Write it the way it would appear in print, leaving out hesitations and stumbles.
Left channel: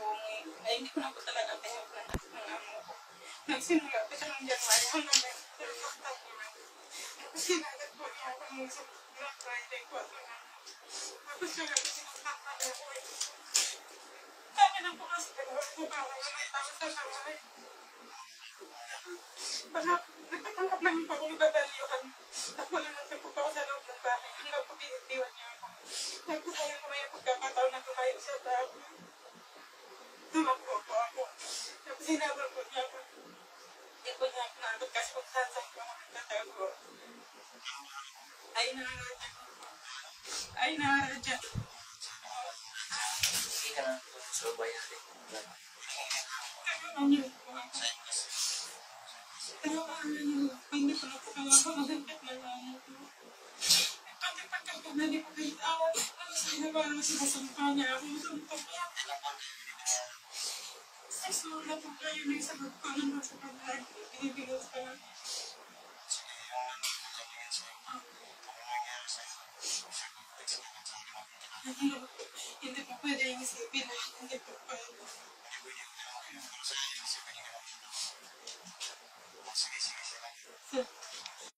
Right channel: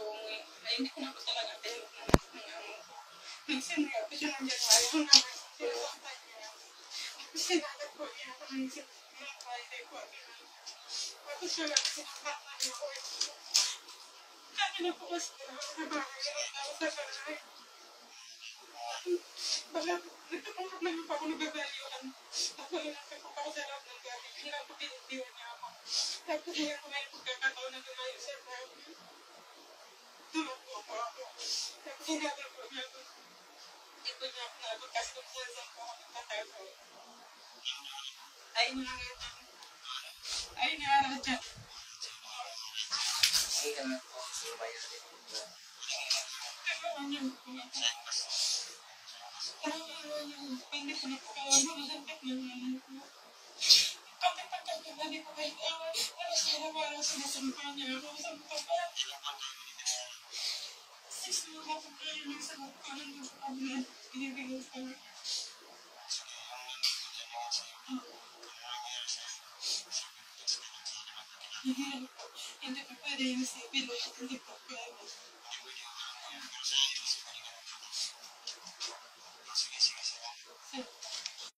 po umuwi. Ay, hindi ko na po talaga tinap ng amo ko. Nagsimula po siya ng January hanggang ngayon. Sinasaktan niya. Tapos kinagat po niya ako ng Friday po. Tapos siya lang sinasaktan niya ako. Kami na po kasi dalawa sa bahay. Walang tao sa bahay. Baka nagtatanggap lang po ako nagbabaliwan. Tapos wala nang po ako sa loob ng bahay. Hanggang po pinitiwan niya ako. Tapos ngayon ko may pagkakataon na tumayo siya sa akin. Tumakbo po ako. Tapos hinabol po niya ako. Hindi po niya ako nagot kasi kung saan po ako nagtatago. Ay naradya. Ay naradya. Sige ka na po sa babae natin. Tulungan niyo po ako. Tulungan niyo. Hindi ko na po kawawa ang sakit na nanay ko. Pati pagkakamali ko kahit awan. Ano sana parang sinasampa niya ako. Sampa ko. 6 months na po kayo ng sagot ko. Nandun sa kablan. Binibigay sa akin. Sige, yung nandun ko dyan naging sa'yo. Ano nangyari sa'yo? Sagot ko sa kanya sa akin. Mahirap po. Hindi po pwede yung isipin lahat. Hindi po pwede.